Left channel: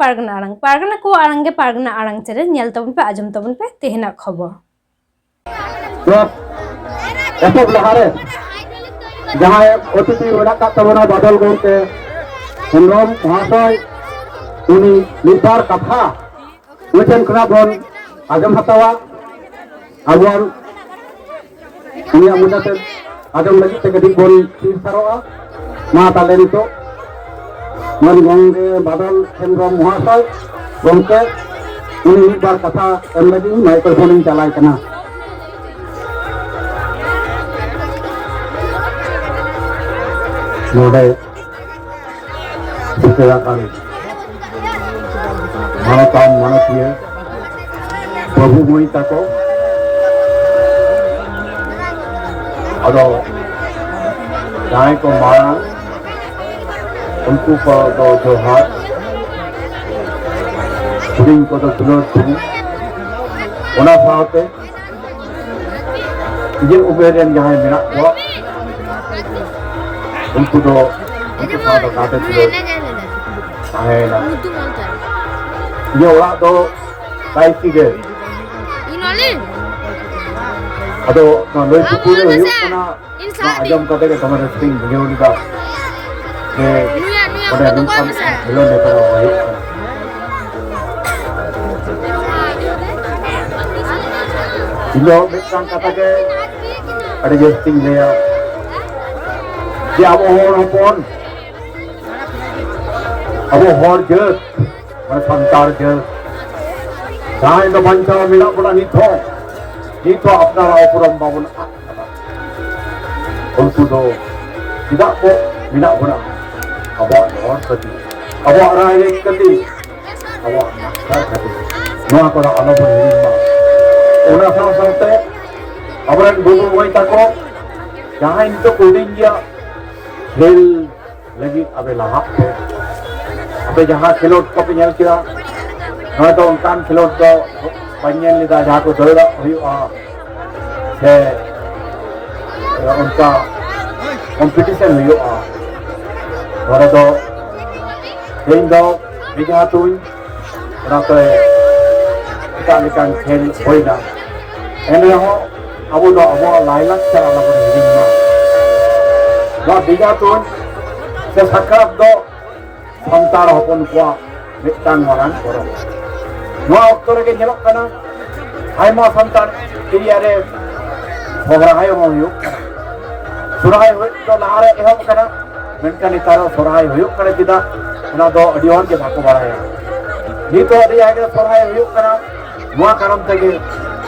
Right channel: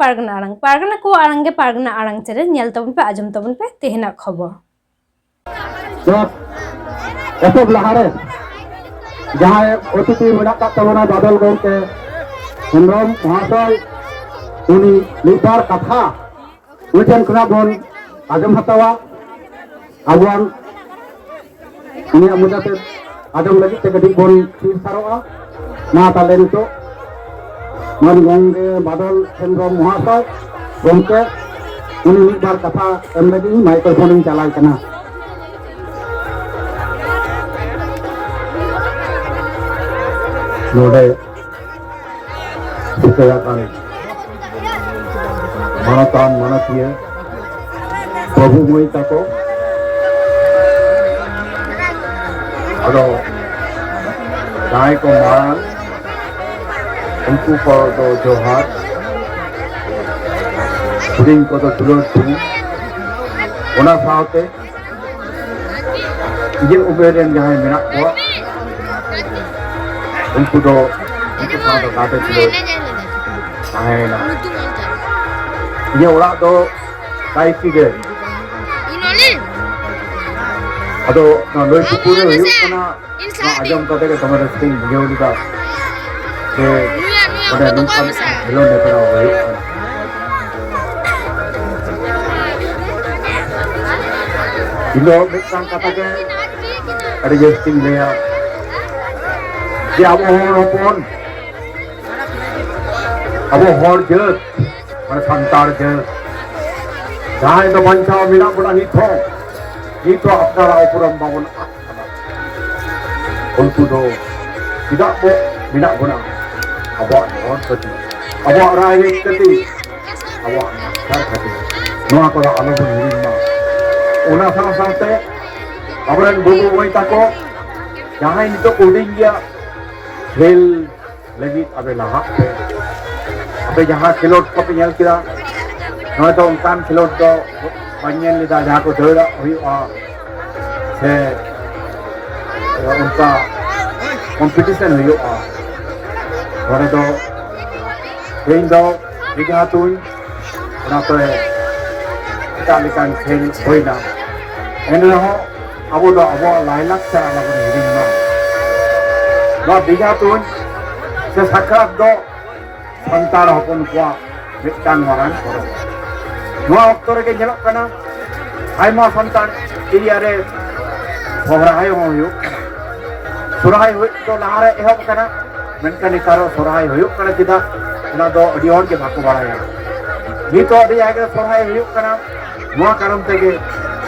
पारगना को आड़ांग गे पारगना आड़ांग चले नेल तबन पे आजम तबन पे तेहना खबर एसब लहारे जहाँ अतिथि मेरा तबना बादल गौके हेम्ब्रम महाशय उनी मिदबार कथा मिटन करा बन आजम हतावा आबुआन उनिया मुजाते आजम लगी ते कदी बन तीर सारोआ मा ताले नितो मन गंगे बादल हेम्ब्रम महाशय गौके उनी मिदबार कथा एम लगी माइक्रोफोन चलाय कना नोडे सिकलाकान मानतान मानतीय प्रभुमयी ताको अदो जाय को मारा उनको को दो जोहार पुडिंग को दो दुलो तू ओना साथे ये उबेरन जहां मेना को उनको साथ काटे थे ना ये ओरा दो काई सीगे अदो लोई सुपुरे हुयुक कना ना आजम कते के तमरे सिंग बुझेउलिदा के बड़े नुकसान हेलो ने करा हुयुक कना इलो मिटांग कता के अरे जस्टिंग लेया जे अब हॉपन अब हॉर जत माने संतार जत जहां तो बंचा मिला बड़ा निथो अपनारा उपरम बाबन उनको दो tidak bo मिला बड़ा अब हॉर कति अब राय कति अब मास्टर कति नोआ को आलो बन हिरिमा ओना साथे अबरन बुबु बोई ताको जहां इनको कोडिंग गया खेल लगी अबे लहा पे अबे जहाँ खिलोट को पे नेल किया नोय तो उनकान खिलोट दो बनियन लेदा जहाँ को दौड़ा हुआ से उनका कंपटीशन हुआ थोड़े तो खेल दो बिगा तुन उना तो इटालिकन खेल होई ना एने हो अबो दो अबो लाइलाक से अलग हिरिंग ना बिगा तुन से साकरात दो संतार हपन को मिटान मारान करो नोआ अक्तो रे नेलक कना आयमा संतार एरिया रे सोहराय हुयुक कना सुराय हुय तो लारे एहब कना मेनका निकारो सोहराय हुयुक कना किदा उना दो अडी हर के बाको बाराया नी तो अडी आगे सोहराय हुयुक कना नोआ कारण तेगे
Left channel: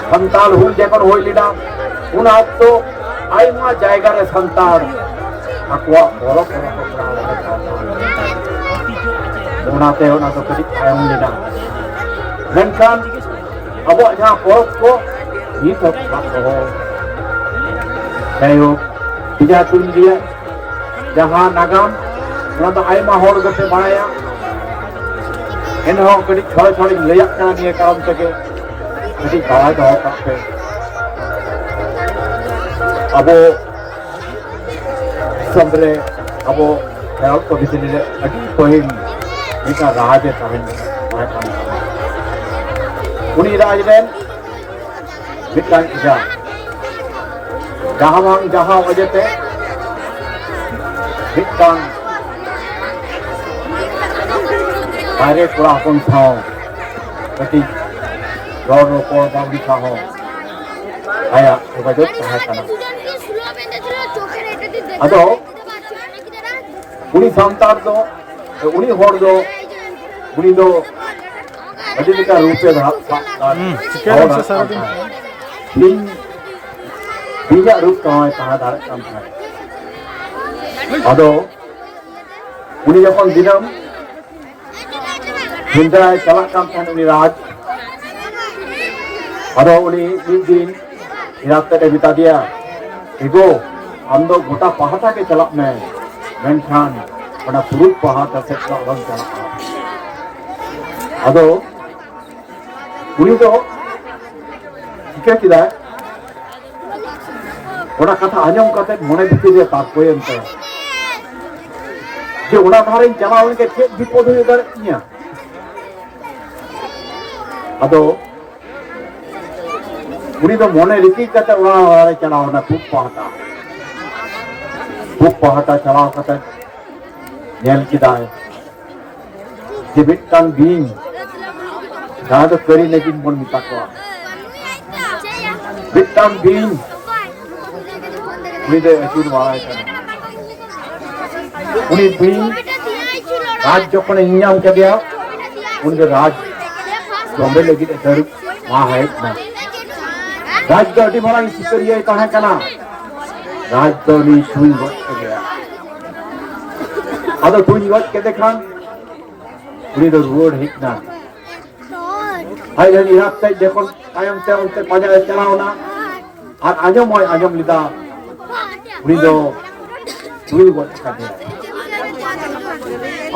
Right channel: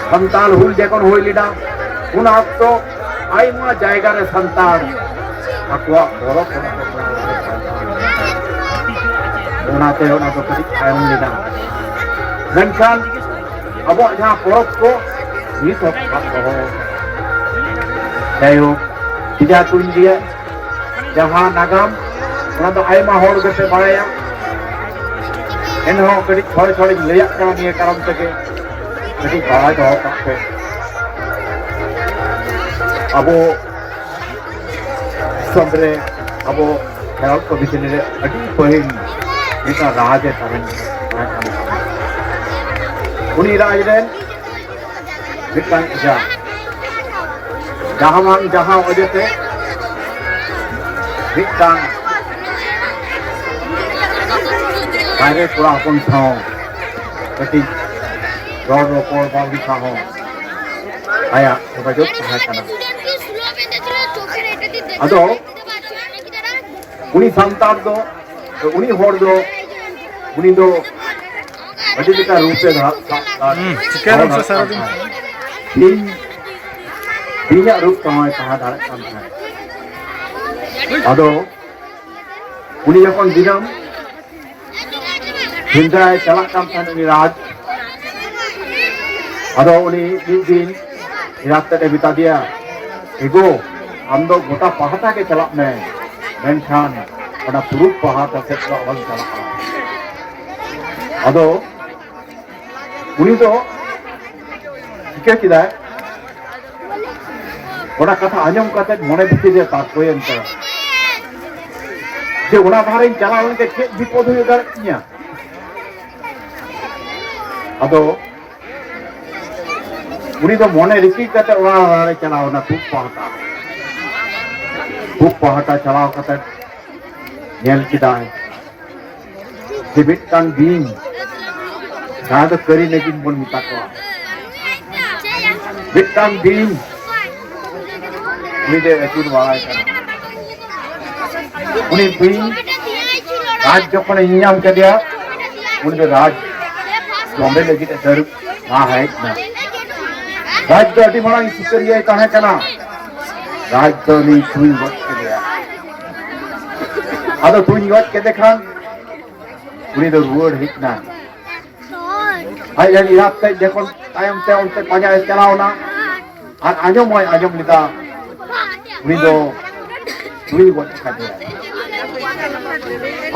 संताल हुल जेकन होय लिडा उना अक्तो आयमा जायगा रे संतार अक्वा बोलो ओनाते ओना तो कति आयम लेना मेनखान अब जहां पोरब को ये तो हो कायो तिजा तुन दिया जहां नागाम ओना तो आयमा होर गते बाया एनहो कति छोड़ छोड़ लेया का निये कारम तके कति बाय दो कापे अबो समरे अबो खेल को बिचने अडी पहिन निका राज तमन उनी राज रेन मिटांग जा जहां जहां वजहते मिटांग बाहरे थोड़ा अपन था कति रोड रोको बावली था हो आया तो बजो है kana अदो उनी संतार दो उनी होर दो उनी दो अजय का रूप से चिकन से सारा दिन बिना रूप तो है कहा दार काम है अदो उनी जखन दिनम हिंदा चला काम था उनी राज अदो उनी दिन रात ते बिता दिया एगो हम दो गोटा पहाटा के चला में मेनखान ओना पुरुष पहाटा से तो चला अदो उनी तो चिके किदा ओना कथा आजम कते मने दिते जे तात्पर्य एंते जे ओना बाहरे चलावन के चेक विपद हुई दाड़िया अदो उनी तो मोने रिसी कते ओना चलाओ ना खूब पहाटा चलाओ कते नेल किदाय दिबिटान बीन जहाँ तो करी लेकिन बन मिता को बिटान बीन उनी दे अचूर वाला है उनी बीन राज जो कोने इंजाम कर दिया उनी तो राज बॉम्बे लगी डर वहाँ है ना राज तो अटी मारा इस करिए कहाँ का ना राज तो नहीं सुई वक्त कर गया अदो सुई वक्त के देखा उनी तो रोड है ना आई जन इराक से देखो आयम से उनसे पाजा चलाओ ना और आजम लिदा उनी तो सुई वक्त कर दिया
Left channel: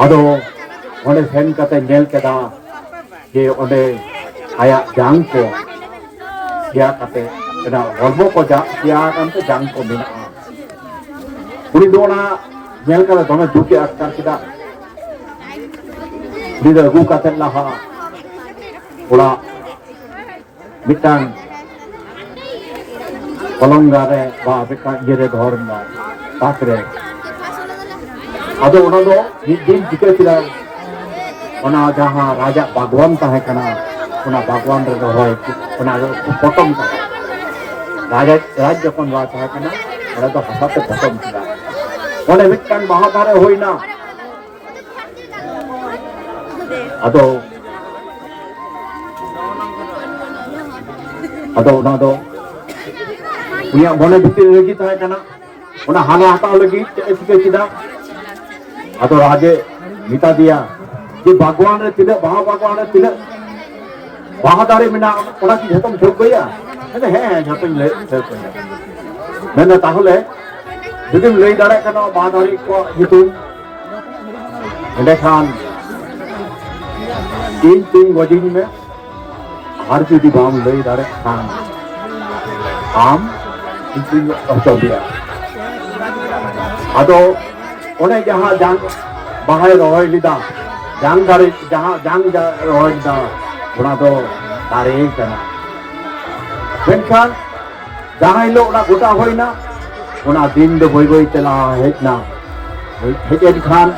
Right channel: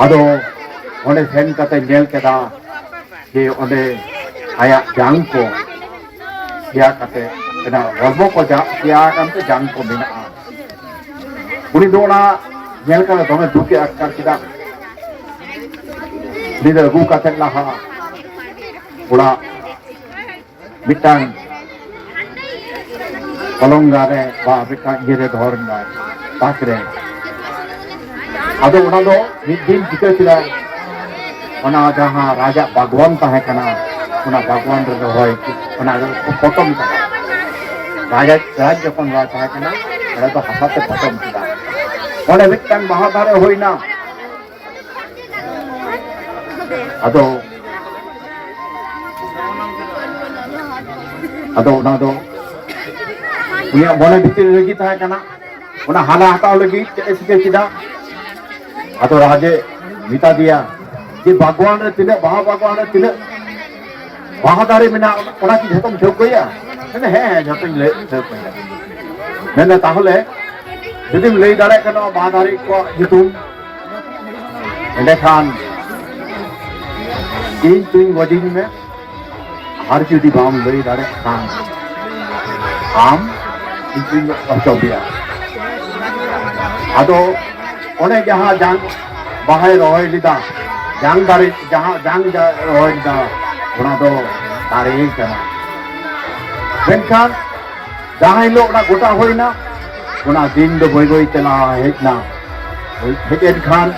अदो ओने सेन कते नेल केदा जे ओने आया जांग को क्या कते एना हरमो को जा क्या कांते जांग को बिना उनी दो ना नेल कते दमे दुके अक्कर किदा निदा गु कते लाहा उड़ा मिटांग कलंगारे बा बिका जेरे धरना ताकरे अदो उना दो दिन जिके किदा उना जहां राजा भगवान ताहे कना उना भगवान रे होय उना पटम का राजा राज जखन वा ताहे कना उना तो हसाते पटम किदा ओने मिटांग महादारे होइना अदो उना दो उनिया मोने भितर लगी ताहे कना उना हाला हटाव लगी चेके किदा अदो राजे मिता दिया कि भगवान रे तिले भगवान रे तिले महादारे मिना ओना की झतम ठोक गया ने है झतम ले ठोक गया मेना ताहले जुदिम लई दारे कनो महादारे को जितुम एंडे खान तीन वडिंग में हर जुदी बाम लई दारे खान आम तीन ऑक्टोबर अदो ओने जहां जांग बाहर रोय लिदा जांग दारे जहां जांग रोय लिदा उना तो दारे कना मेनखान जहां हिलो उना गोटा होइना उना दिन दो बोई चला हेजना हेजेन खान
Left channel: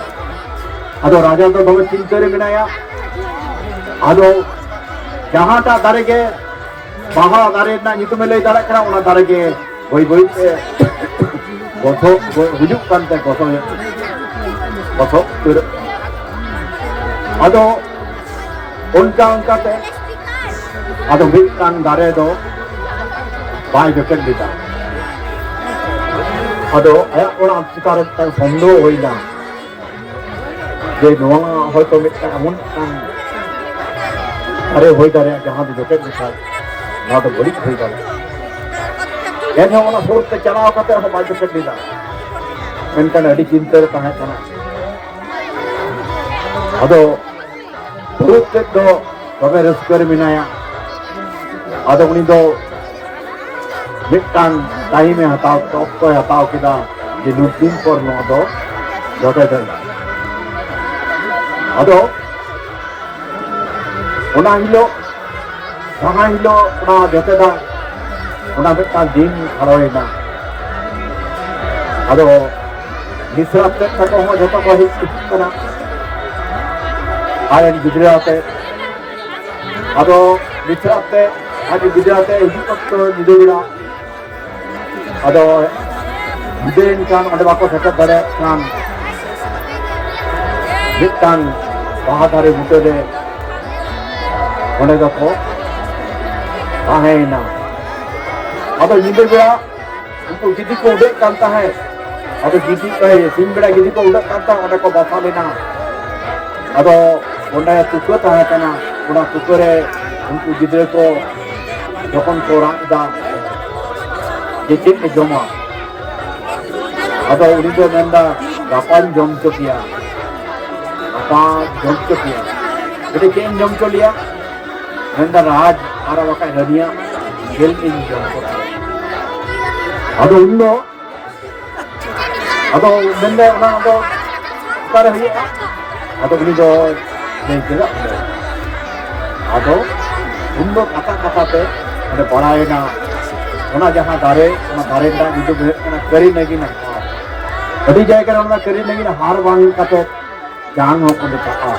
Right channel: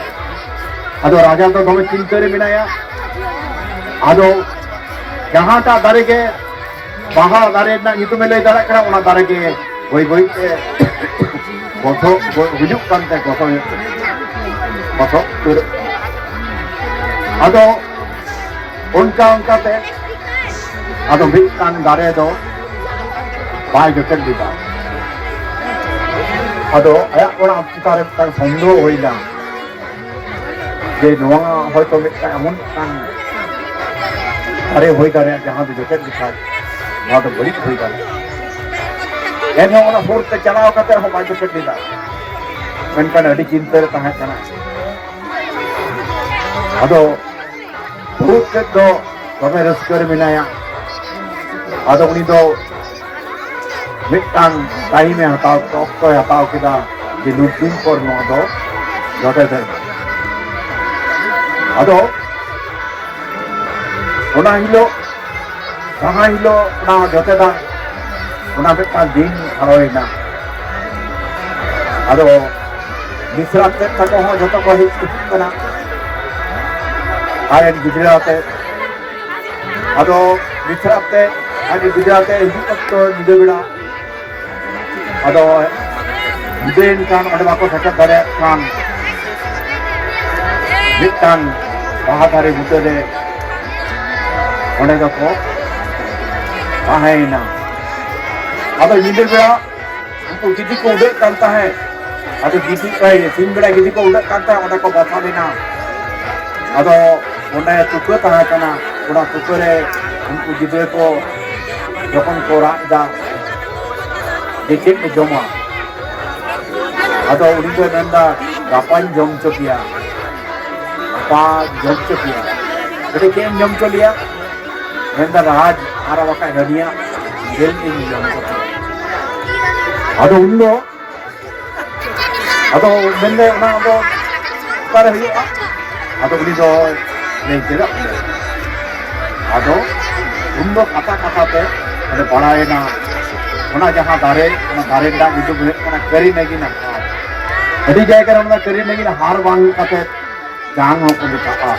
अदो राजा तो दमे चिंता रे मिनाया अदो जहां ता दारे के बाहा दारे ना नितुम लई दारे कना उना दारे के बोई ते गोथो हुजुक कानते गोथो फिर अदो उनका ते अदो मिटांग दारे दो बाय गटक दिदा अदो आया ओना चितारे ता संदो होइना जे नोवा होयतो मिटांग अमन कान अरे होई दारे जहां दो गटक दिखा ना तो बड़ी होई दारे लेने ओना फोर्स ते चलाओ कते हो बाय गटक दिदा मेनकान अडी चिंता रे ताहे कना अदो बहुत तो तबे रस्कर मिनाया अदो उनी दो मिटांग टाइम में हटाओ तो हटाओ किदा जे नुकिन पर नो दो जोटे दे अदो ओना हिलो जहां हिलो ओना जोटे दा ओना मिटांग दिन हरोइना अदो मिश्रा ते तको हो जतो को हिट कना आयन गुजराते अदो मिश्राते आज गुजराते हिजु वक्त निदे बिड़ा अदो हिदेन कान अदो बाको सेटअप दारे कान मिटान बाहादारे बुटे दे ओने दको आहेना अदो निदे बिड़ा उनको गिदी को उड़े कांता है अदो गिदी सिम बिड़ा गिदी को उड़े कांता ओने को बता लेना अदो ओने तुको ताहे कना ओना तुको रे उनको गिदे को जखन को रादा जे चेक जमा अदो उनी दो नंदा गापान जम चोकिया गापा जम चोकिया एटे केम जम चोलिया नंदा राज आरा वका हनिया जेल इन जम चोकिया अदो उन्नो अदो नंदा ओना अदो कर हुआ अदो उनी दो नहीं तेरा अदो उनको कथा कथा ते अरे बड़ाएना ओना जहां दारे ना जुदु हुयना करी नेगिन हार अड़ी जायगा रे ओना करी नेगिन हार बांग कते जांग हो को बेटा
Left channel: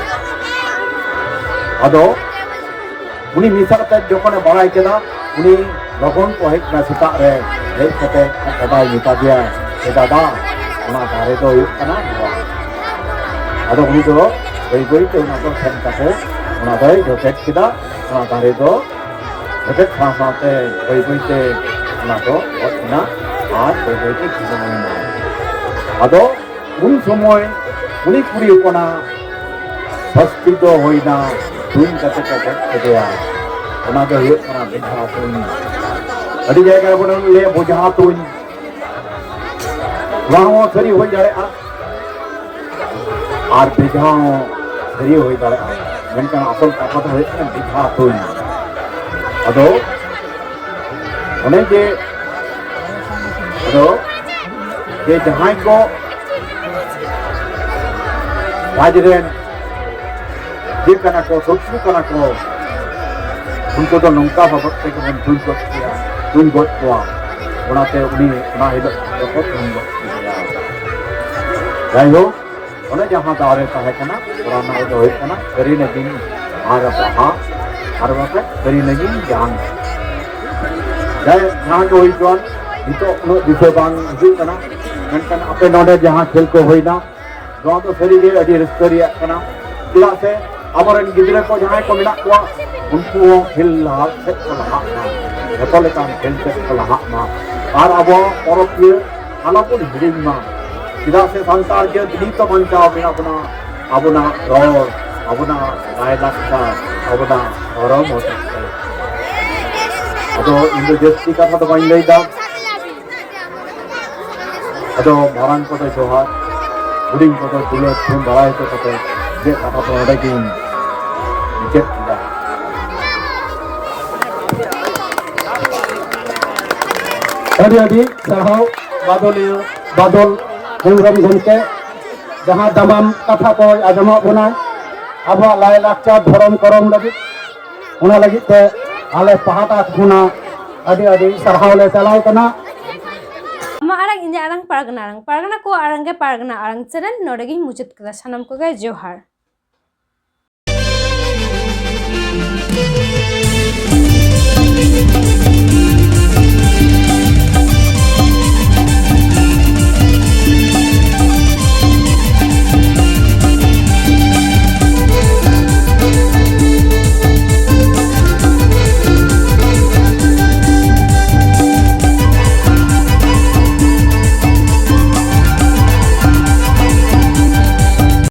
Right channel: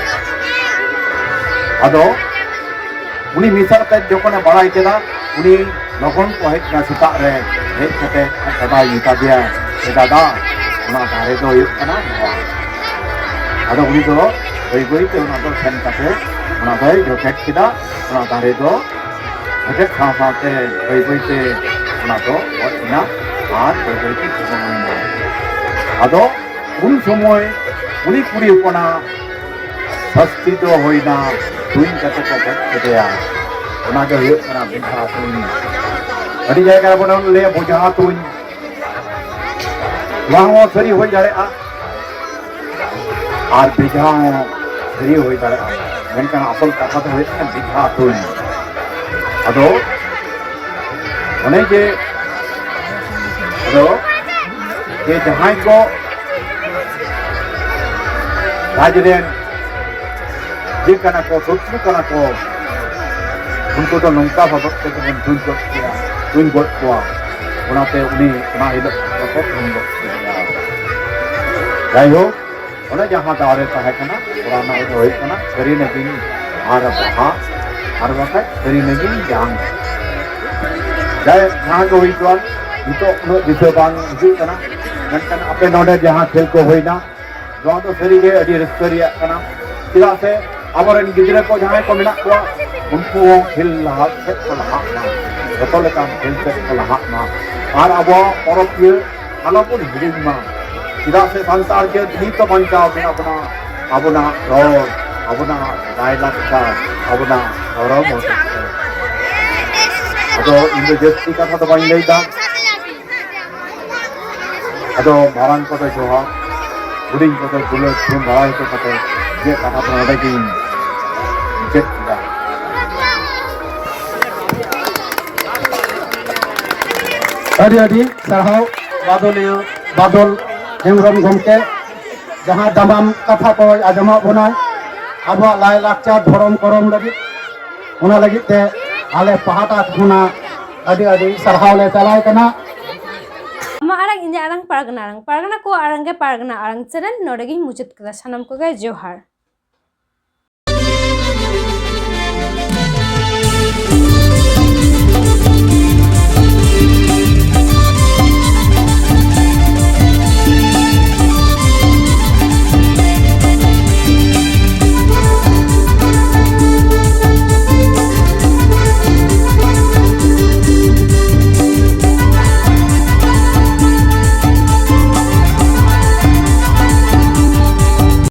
अदो उनी मिसाल ते जोखने बड़ाई केदा उनी लगन को हेज ना सेता रे हेज कते दादा मिता दिया ए दादा ओना दारे दो हुयuk kana नोआ अदो उनी दो बई बई ते ओना दो सेन कते ओना दो जोकेट किदा ओना दारे दो जोकेट खा साते बई बई ते ओना दो ओना आर बई बई ते खिसमना अदो उन समय उनी कुड़ी कोना फस्ती दो होइना तुइन कते को कतेया ओना दो हुयuk kana बिधा तुइन अड़ी जायगा बोना ले बोझा तुइन वहाँ सरी हो जाए आर बिझा सरी हो जाए मेनकान असल कथा तो है बिझा तुइन अदो ओने जे अदो जे जहां को राजरेन जे कना को सुसु कना को उनको तो नौका बाबत तो तुन को किया तुन को ओनाते उनी ओना हिलो को तुन को किया जायो ओने जहां दारे ताहे कना पुराना दो होय कना करी नगिन आर बहा आर वका करी नगिन जांग जाय जहां को होय कोन तो उनो दिसे बांग हिजु कना मेनकान आपे नोडे जहां खेल को होइना दो तो सरी जे अडी रिस्करिया कना तिला से अबरन गिदरे को जहां को मिना को उनको खेल लहा से को लहा ना जतो लेकान खेल से को लहा ना आर अब परब के आलोपुन हिडिन मा तिला से संसार के दिनी तो बंचा बिना बना अबना रोड अबना रायलाक्का अबना धर्म हो सकते अदो इंदो जस्ती कथा तो बाई लेदा अदो मारान को तो जोहार गुडिंग को तो दुले थुम बाय तो कते जे कथा तो नडे की जेत्ता अड़ी सरहाव बादल हेमरम गमके जहां दमाम कथा को आजमा बना अब लाय लाचार धरम करम लगी ओना लगी ते आले पहाटा खुना अड़ी सरहाव ले चलाय कना मा आरंग इंजा आरंग पारगना को आरंग के पारगना आरंग चरण नोडगी मुचुत कदा सनम को जोहार।